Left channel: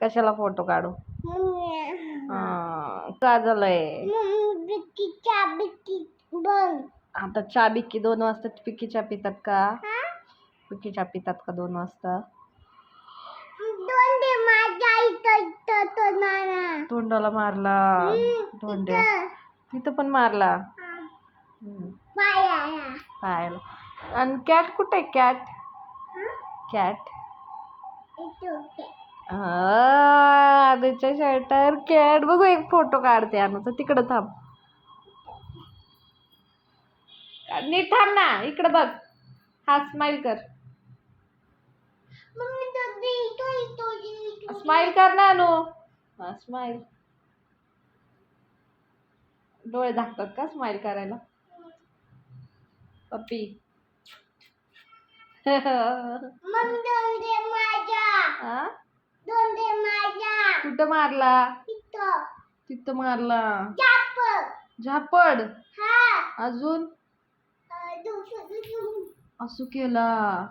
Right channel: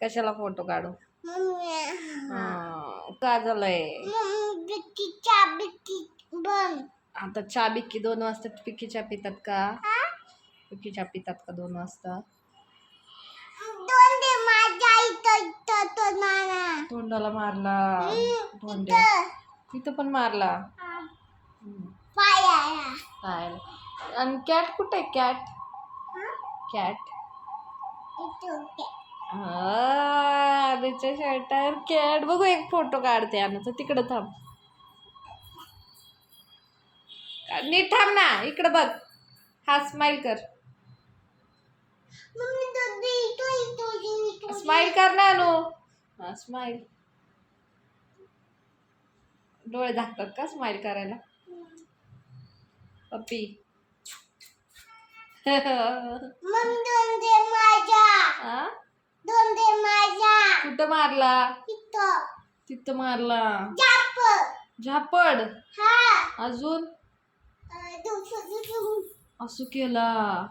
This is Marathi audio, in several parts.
कशाला फोटो काढू? हा, का झालंय आता चहा बिक्की दोन वाजता पिक्की चहा पितात का? हा? चहा पितात का दोन वाजता? तोंडाला मारला. तोंडे तिथं पण मारला? हा, पायाला. आणि कॅट कुठे कॅट? हा? कॅट. अनुच्या शर्टावर कॅट बघू एक फोटो काढते अनुचा तिकडं थांब. नीट थांब ना इकडं बघ. हा स्माइल कर. स्माइल कर ना अनु. हा स्माइल डोळे झाकतात का स्माइल करायला? पप्पी मम्मी दोन दे माझ्या हा? दोन दे माझ्या कुठं मारला? तिथं. मारला. झापड. हा. अजून? असू केला.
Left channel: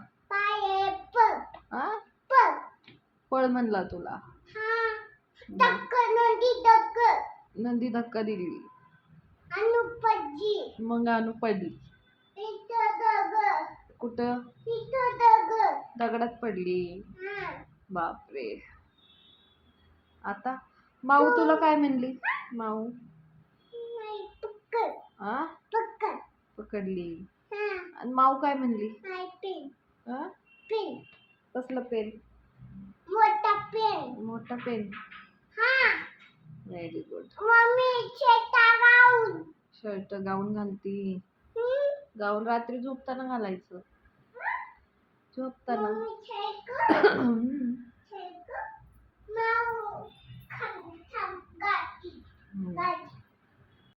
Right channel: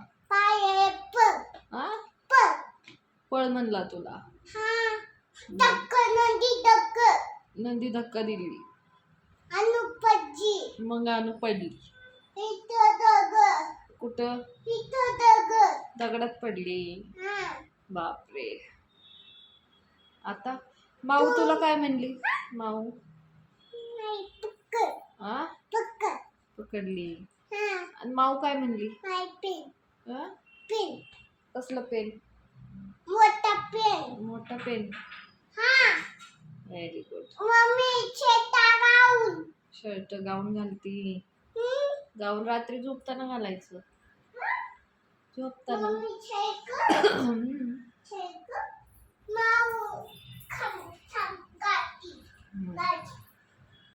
पळ. म्हणला तुला. हा. नदी धक्का. दिली. मग अनु पडली. कुठं? दगडात पडली. बापरे. आता? माऊ तुला काय म्हणली? माऊ? आ? पकडली. हा. आणि माऊ काय म्हणली? आ? कसलं पेन? मोठा पेन. मोठा पेन. हा. Very good mummy gown. Shirt gown घालती. Gown रात्री झोपताना घालायचं. झोपताना.